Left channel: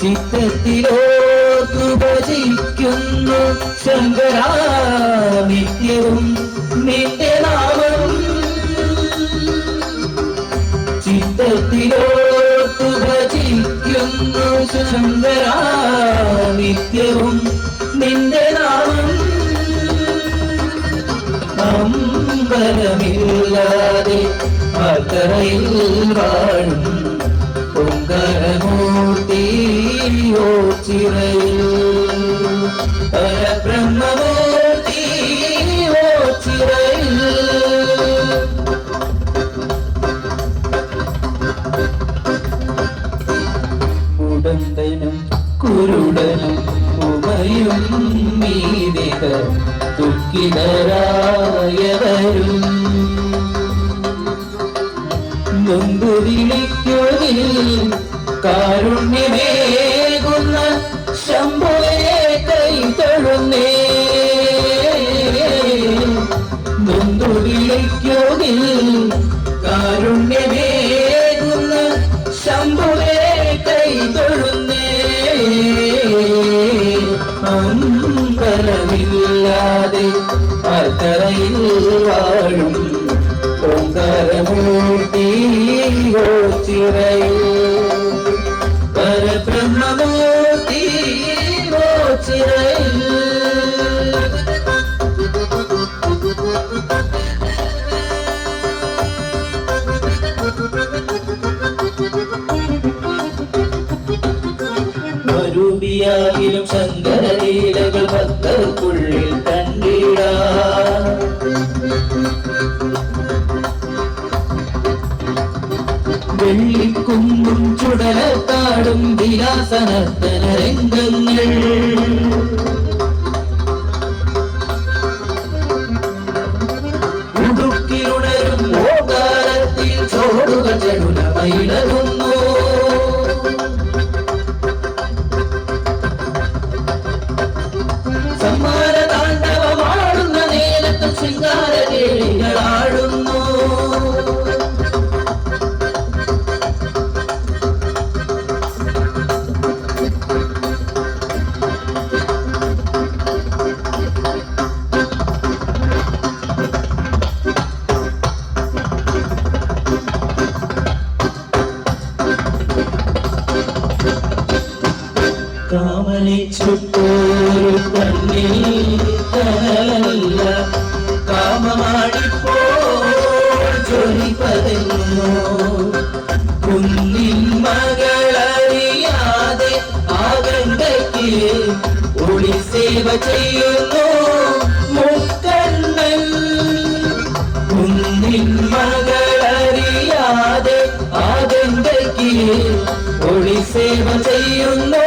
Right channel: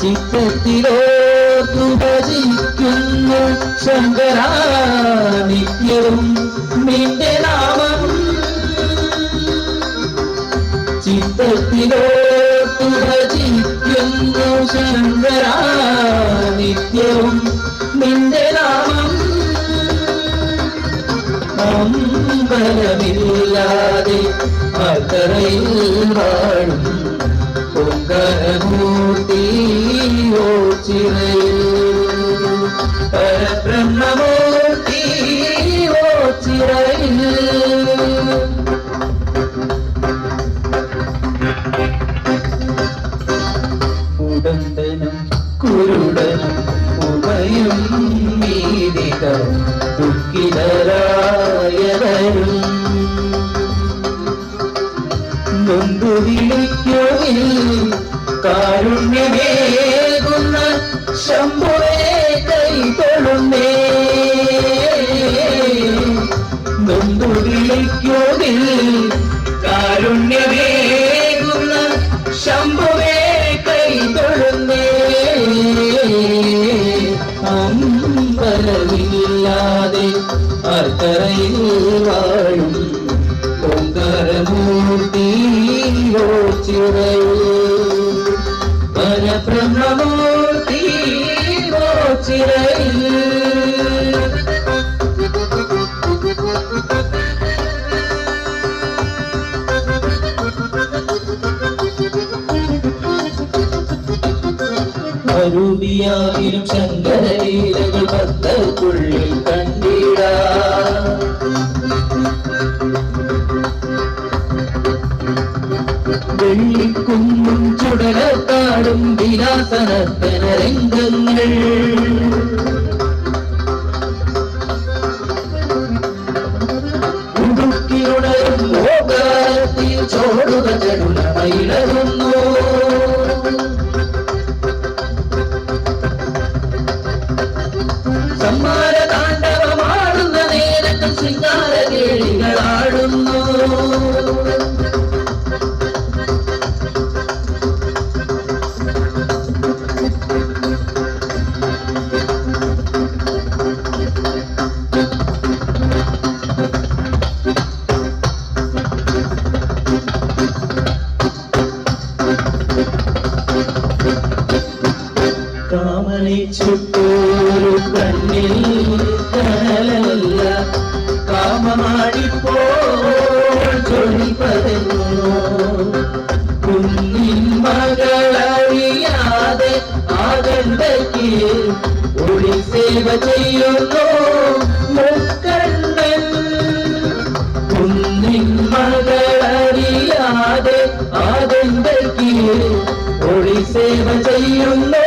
ചിത്തത്തിലോർത്തു ഭജിക്കുന്നു ശങ്കരാ നിത്യവും നിന്റെ നാമം. ചിത്തത്തിലോർത്തു ഭജിക്കുന്നു ശങ്കരാ നിത്യവും നിന്റെ നാമം. അമ്പലമില്ലാതെ അക്കരയിൽ വാഴും ഓംകാരമൂർത്തിയോ ചിറയിൽ പരബ്രഹ്മമൂർത്തിയോ ചിറയിൽ. കുടന്തനും കുരുടനും ഉഭയും മീതിക ദുഃഖിതരായവരും നൊന്തു വിളിക്കുവിൽ കാരുണ്യമേകുന്ന ശംഭുവേ കൈതൊഴുന്നേ. നൊന്തു വിളിക്കുവിൽ കാരുണ്യമേകുന്ന ശംഭുവേ കൈതൊഴുന്നേ. അമ്പലമില്ലാതെ ആർക്കരയിൽ വാഴും ഓംകാരമൂർത്തിയോ ചിറയിൽ പരബ്രഹ്മമൂർത്തിയോ ചിറയിൽ. അരൂപിയാകിലും ശങ്കരലീലകൾ ഭക്തർക്കുള്ളിൽ കണ്ടിടാം. വെള്ളിക്കുന്നും ചുടലക്കാടും വിലാസനർത്തന രംഗങ്ങൾ ഉടുക്കിയുണരും ഓകാരത്തിൽ ചോടുക ചടുലമയിലറുന്നു. സമ്മാന താണ്ഡവമാടുന്ന നേരത്ത് ശൃംഗാര കേളികളാടുന്നു. കാമനിച്ചുട്ടൊരു കണ്ണിൽ കനലല്ല കാമമാടിപ്പോൾ ചൊല്ലിപ്പതന്നു. കുന്നിൻ മകളറിയാതെ ആകണ്ടയ്ക്ക് ഒളി സേവ ചെയ്യുന്നു മുക്കണ്ണൻ. കുന്നിൻ മകളറിയാതെ ആകണ്ടയ്ക്ക് ഒളി സേവ ചെയ്യുന്നു.